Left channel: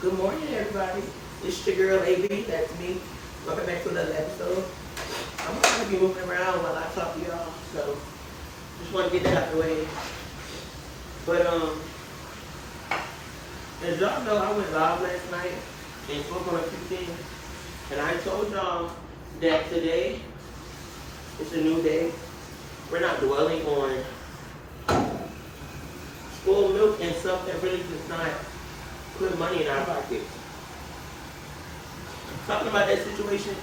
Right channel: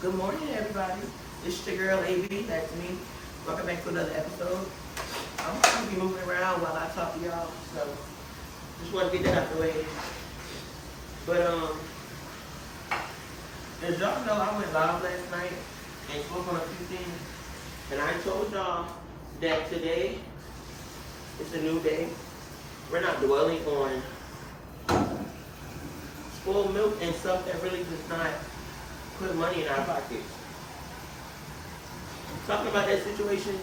Good morning, everybody. It's your girl AB. That's me. Welcome back to another episode. I'm going to be moving around while I talk to y'all, so just want to get that out of the way. But as y'all know, I went live last night and spoke on a few things, and I told y'all that today is a new day. We're not dwelling on spoiled milk and stuff that really does not put money in our pockets. Talking about that situation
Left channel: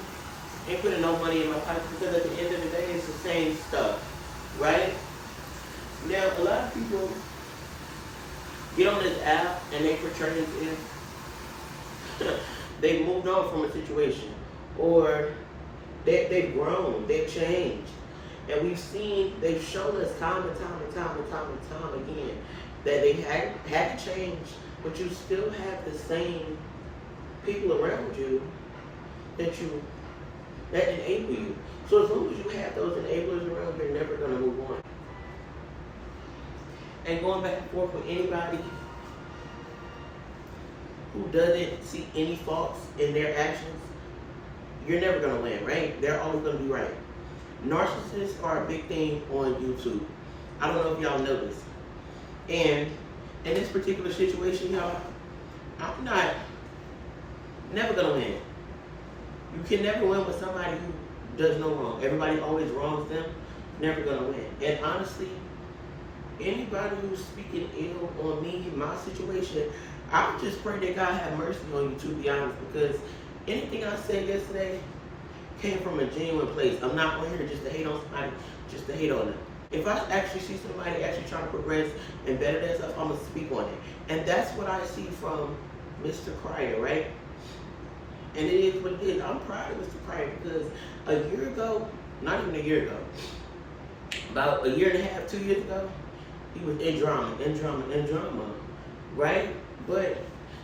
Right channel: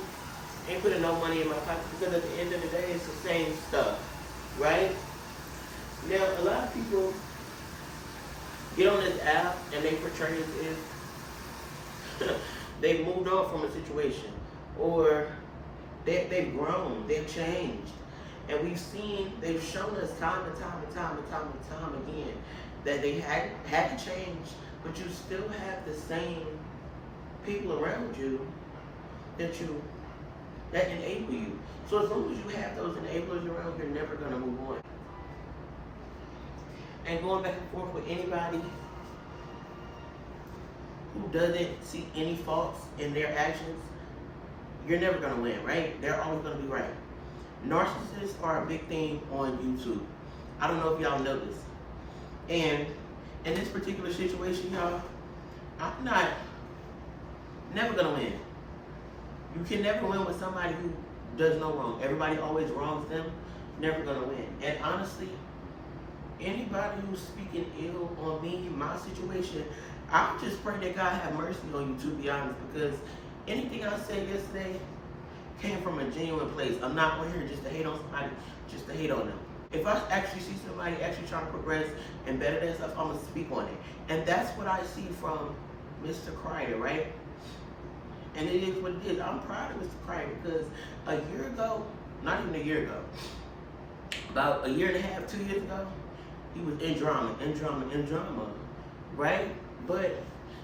ain't putting no money in my pocket because at the end of the day, it's the same stuff, right? Now, a lot of people get on this app and they portray as if they moved on from a situation, or they've grown, they've changed. And they've shown us time and time again that they haven't changed, but you still have the same people around you that enable you. So as long as you have those enablers around, you're never going to move on. And going back and forth with anybody who doesn't see any faults in their actions, you're never going to win, right? They're always going to be right. Narcissists are a big thing on YouTube. I don't know if y'all know this. And in this particular situation, y'all, I'm never gonna win. You can never win with somebody who does no wrong. Everybody always wrongs them, never gonna win. And honestly, anybody who's speaking ill on me, my situation, I would just pray that God have mercy on you, to be honest, because anything I said yesterday came from a genuine place. I'm not on here just to hate on somebody, just to hate on them. If I actually see somebody actually trying to progress and better themselves, I'm going to speak on it. And that's what I see from Mr. Crider, right? And it is what it is. I'm proud of Mr. Crider because a year ago, not even a year ago, about a year and a half, 2 years ago, he was in drama, right? But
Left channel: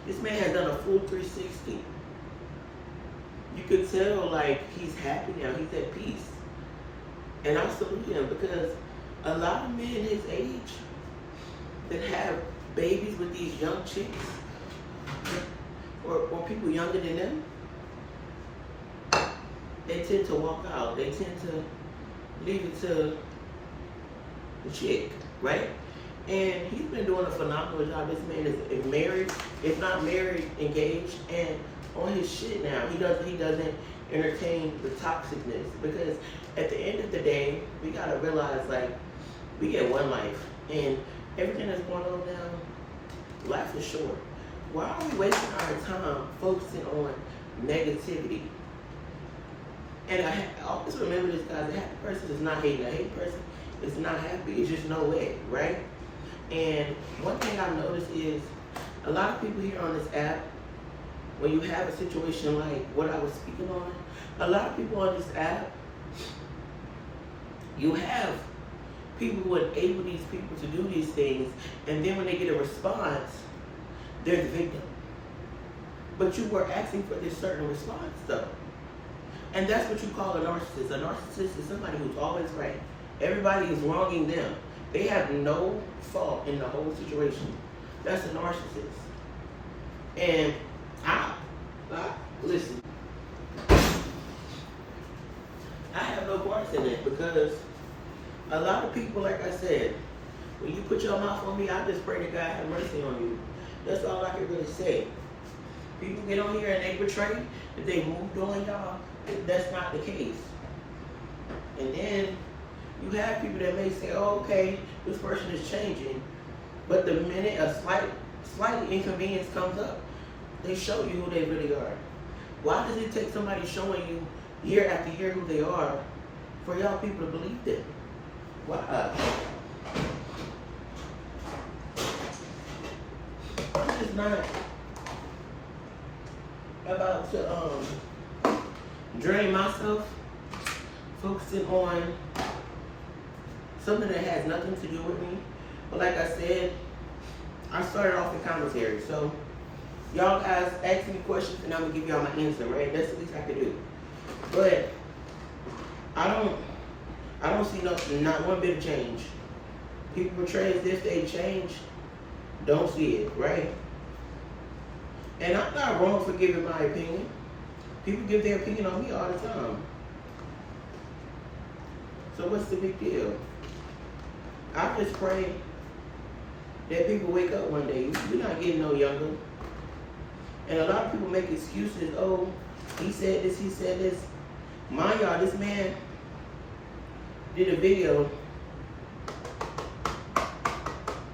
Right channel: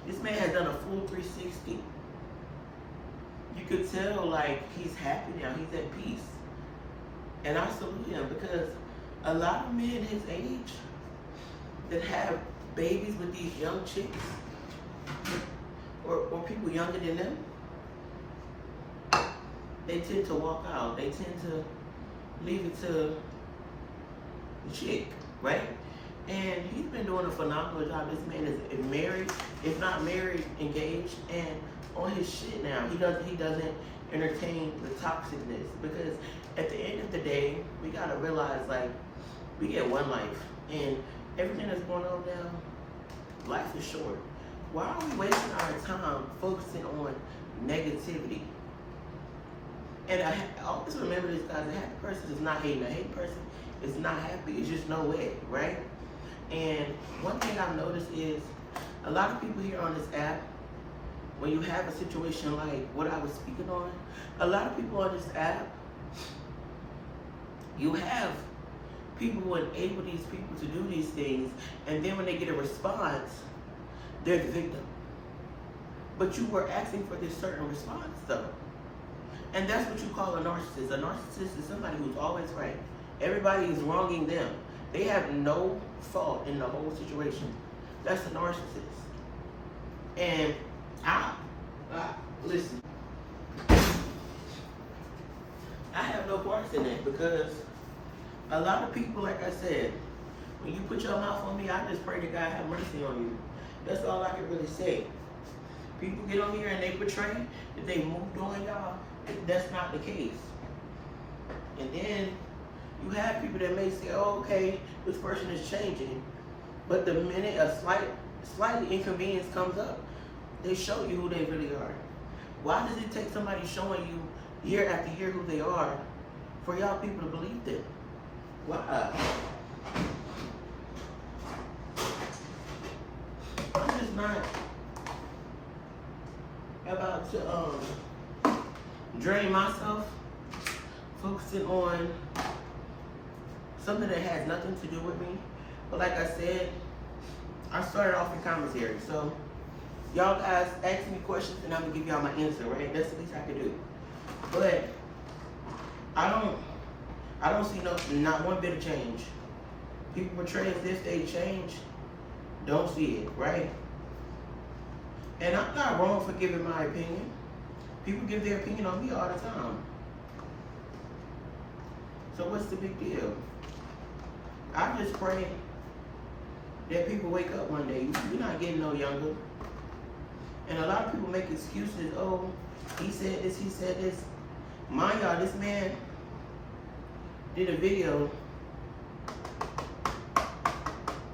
this man has done a full 360. You could tell, like, he's happy now. He's at peace. And I salute him because a lot of men his age that have babies with these young chicks or people younger than them, they tend to walk out. They tend to leave it to the chick, right? And he's been doing a phenomenal job. This man is married, if not married, engaged, and on his shit now. He doesn't entertain the toxicness, because at the end of the day, we gotta realize, like, we get one life, and everything that's going on now, life is short. Why are we wasting our time focusing on negativity? And I always remember this, guys. A happy person is not hating. A hating person is not happy. It's just no way, right? And one thing I've noticed is a lot of people here on this app, when you have a situation like what I was speaking on, a lot of people on this app, you have people who enable these people to do these things, and then when they get a response, they're the victim. But you were asking for this certain response, though. And that's what you call a narcissist. A narcissist is somebody who's always right. Everybody is wronging them. They have no fault in the whole situation. That's a narcissist. And listen, I have no parts in it, because a lot of people, like I said, when you put your mouth on me, I just pray that God have mercy on you. That's all I can really say. People get on here and they portray that they moved on y'all. That's not the case. And then you have people that may say, oh, okay, this person is changing. But the minute a slight inconvenience comes up, they show you who they really are. Why does it take somebody showing you year after year who they are for y'all people to believe them? Why? I'm just not about to drain myself focusing on something that has nothing to do with me. But like I said, I started off in commentary. So y'all guys ask me questions and I'm gonna give y'all my answer, right? That's the least I could do. But I don't see not one bit of change. People portray as if they change, don't see it, right? And I'm not wrong for giving my opinion. People give their opinion on me all the time. So what's the big deal? I just pray that people wake up one day. You're not getting no younger. And a lot of people make excuses. Oh, he said this, he said this. Mind y'all, this man did a video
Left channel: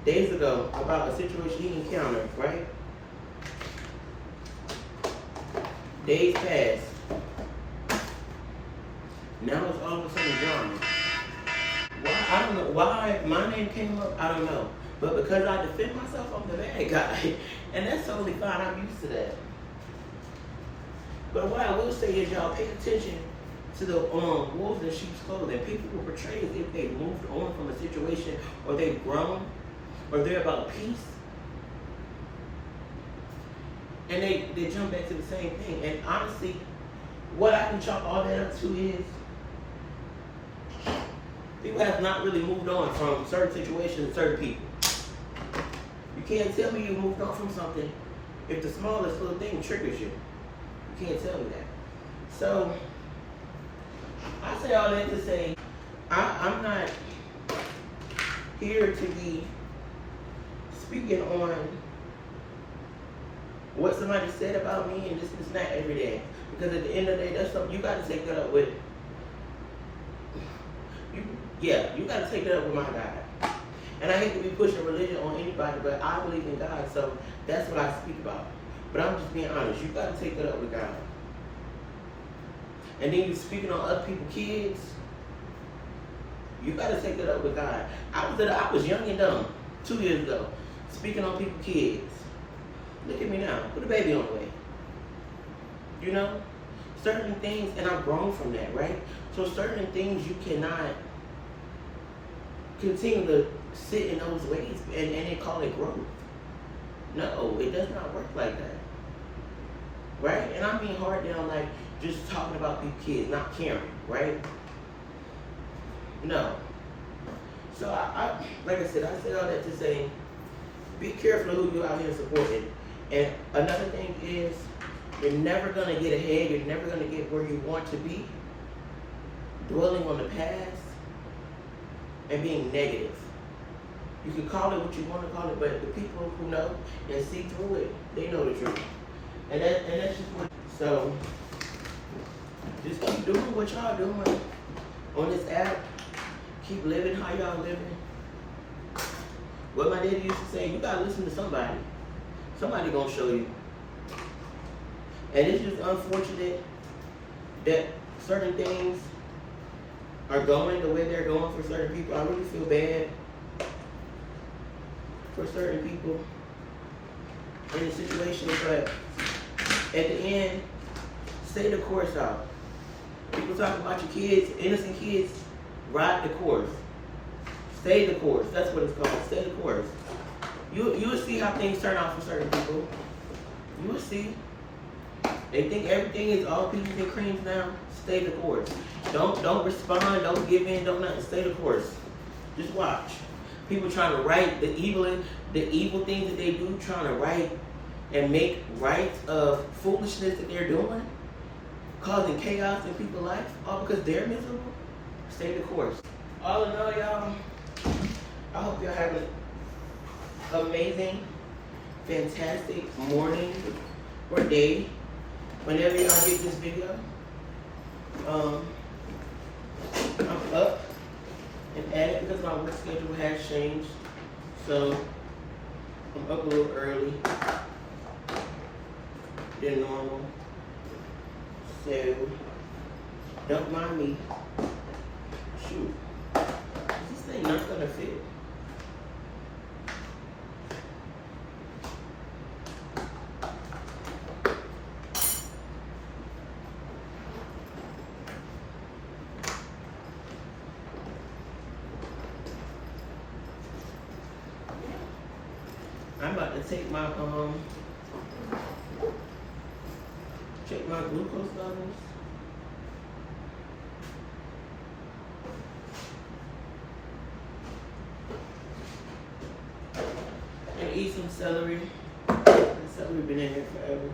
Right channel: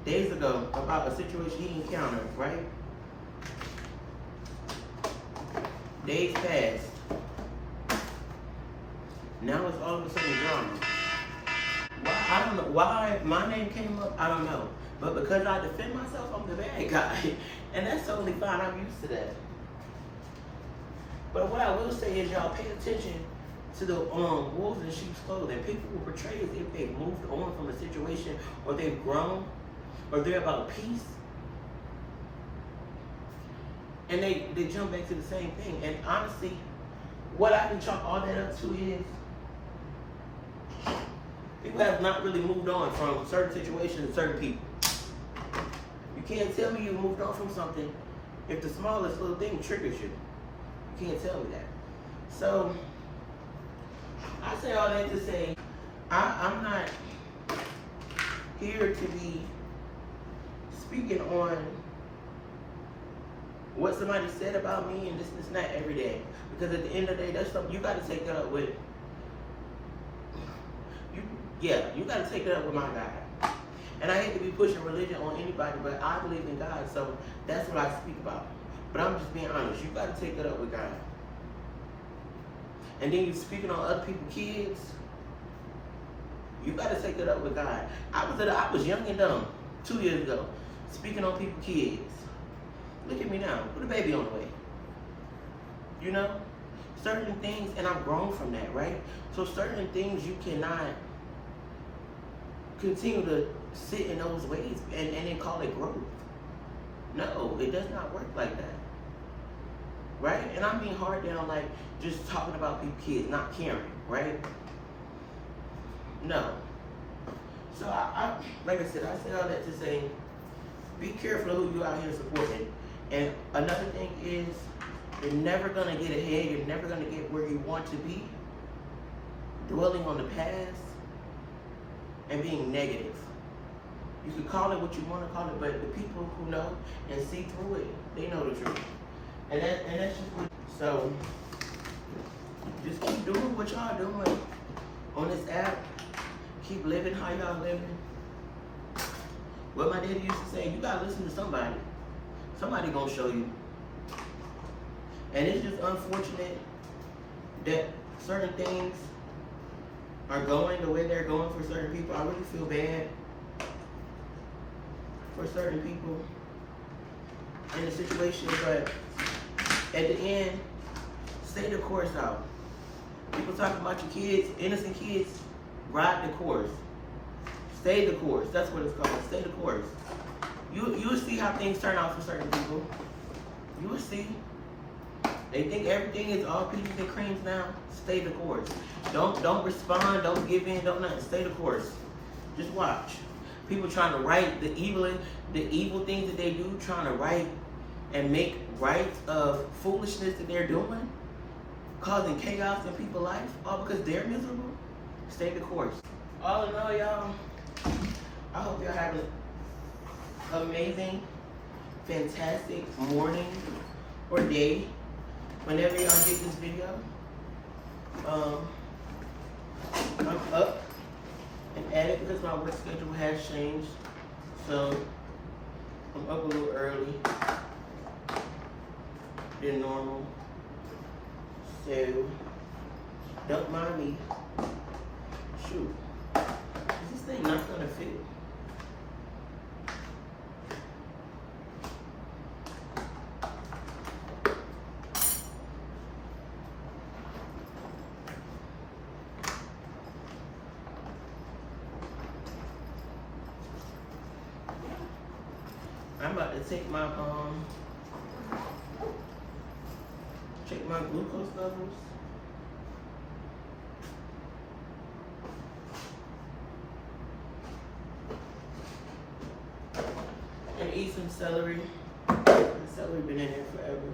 days ago about a situation he encountered, right? Days passed. Now it's all of a sudden drama. Why? I don't know. Why my name came up, I don't know. But because I defend myself, I'm the bad guy. And that's totally fine. I'm used to that. But what I will say is, y'all pay attention to the wolves in sheep's clothing. People will portray as if they've moved on from a situation, or they've grown, or they're about peace. And they jump back to the same thing. And honestly, what I can chalk all that up to is people have not really moved on from certain situations and certain people. You can't tell me you moved on from something if the smallest little thing triggers you. You can't tell me that. So, I say all that to say, I'm not here to be speaking on what somebody said about me and this and that every day. Because at the end of the day, that's something you got to take that up with. You got to take that up with my God. And I hate to be pushing religion on anybody, but I believe in God, so that's what I speak about. But I'm just being honest. You got to take that up with God. And then you speaking on other people's kids. You got to take that up with God. I was young and dumb 2 years ago, speaking on people's kids. Look at me now. Put a baby on the way. You know? Certain things, and I've grown from that, right? So certain things you cannot continue to sit in those ways and then call it growth. No, it does not work like that. Right? And I mean hard down, like just talking about people's kids, not caring, right? No. So I like I said all that to say, be careful of who you out here supporting. And another thing is, you're never gonna get ahead, you're never gonna get where you want to be dwelling on the past and being negative. You can call it what you want to call it, but the people who know and see through it, they know the truth. And that's just what. So just keep doing what y'all doing on this app. Keep living how y'all living. What my daddy used to say, you gotta listen to somebody. Somebody gonna show you. And it's just unfortunate that certain things are going the way they're going for certain people. I really feel bad for certain people in the situation, but at the end, stay the course out. People talk about your kids, innocent kids, ride the course. Stay the course. That's what it's called. Stay the course. You will see how things turn out for certain people. You will see. They think everything is all peaches and creams now. Stay the course. Don't respond. Don't give in. Don't nothing. Stay the course. Just watch. People trying to right the evil things that they do, trying to right and make right of foolishness that they're doing, causing chaos in people's life, all because they're miserable. Stay the course. All in all, y'all, I hope y'all have an amazing, fantastic morning or day whenever y'all get this video. I'm up and at it because my work schedule has changed, so I'm up a little early than normal. So don't mind me. Shoot, is this thing not gonna fit? I'm about to take my glucose levels. And eat some celery. Let's So we've been in here forever.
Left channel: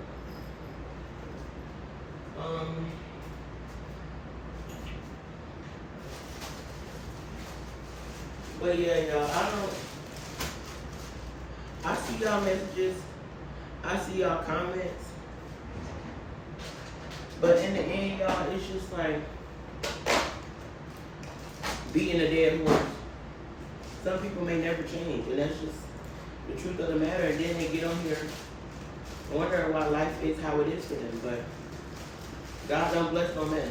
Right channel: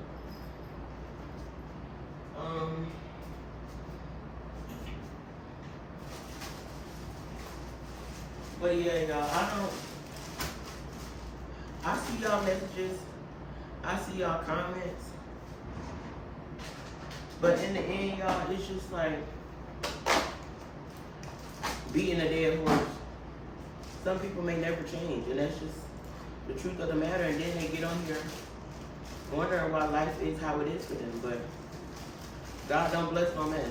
But yeah, y'all, I see y'all messages, I see y'all comments, but in the end, y'all, it's just like beating a dead horse. Some people may never change, and that's just the truth of the matter. And then they get on here wondering why life is how it is for them. But God don't bless no mess.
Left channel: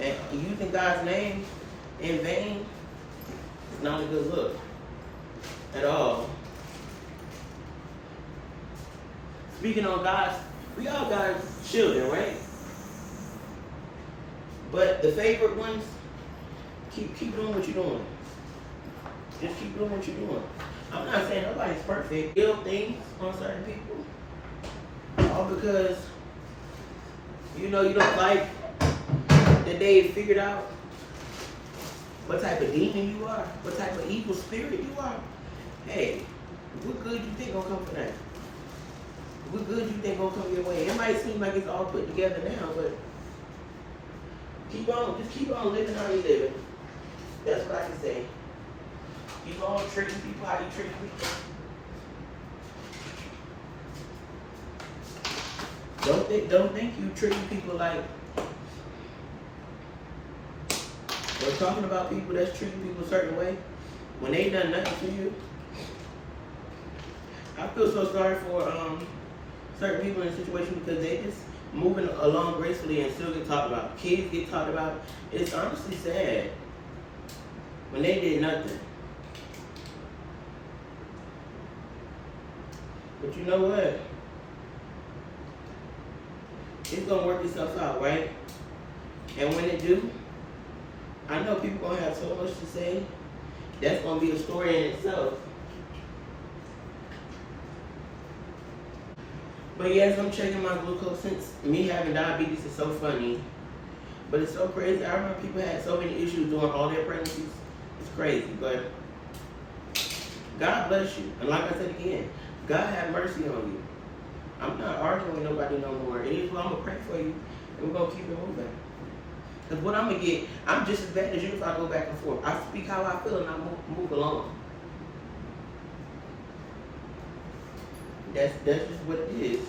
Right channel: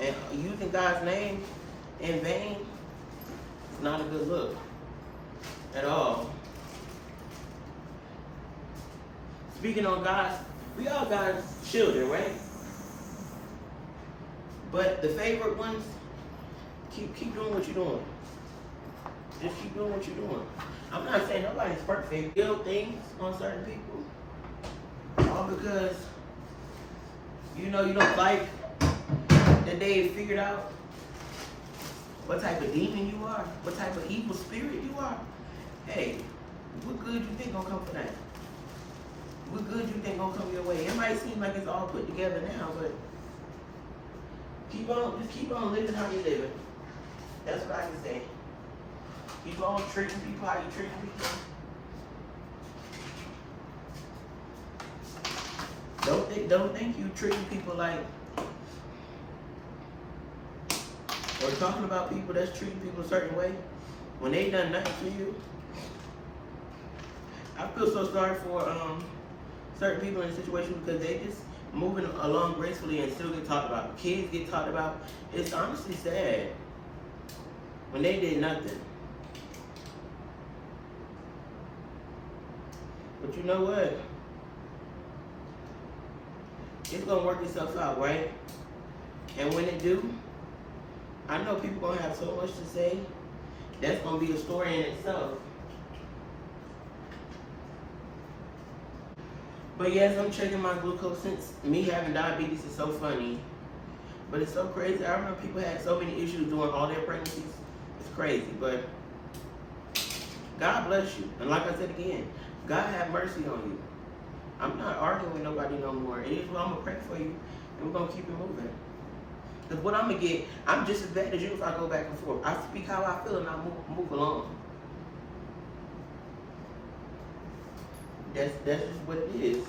And using God's name in vain is not a good look at all. Speaking on God's, we all God's children, right? But the favorite ones, keep doing what you're doing. Just keep doing what you're doing. I'm not saying nobody's perfect. Ill things on certain people, all because you don't like that they figured out what type of demon you are, what type of evil spirit you are. Hey, what good you think gonna come from that? What good you think gonna come your way? It might seem like it's all put together now, but just keep on living how you're living. That's what I can say. Keep on treating people how you treat people. Don't think you treating people like, or talking about people that's treating people a certain way when they done nothing for you. I feel so sorry for certain people in a situation because they just moving along gracefully and still get talked about. Kids get talked about. It's honestly sad when they did nothing. But you know what? It's gonna work itself out, right? And when it do, I know people gonna have so much to say. That's gonna be a story in itself. But yes, I'm checking my glucose. Since me having diabetes is so funny, but it's so crazy. I remember people had so many issues during all their pregnancies. It's crazy, but God bless you. And like I said again, God have mercy on you. I'm not arguing with nobody no more. It is what I'm gonna pray for you, and we're gonna keep it moving. Because what I'm gonna get, I'm just as bad as you if I go back and forth. I speak how I feel and I move along. That's just what it is.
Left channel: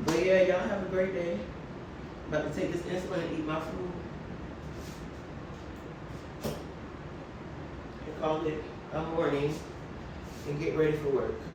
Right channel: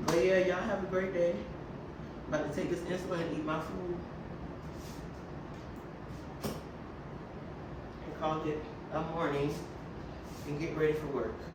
But yeah, y'all have a great day. About to take this insulin and eat my food. And call it a morning and get ready for work.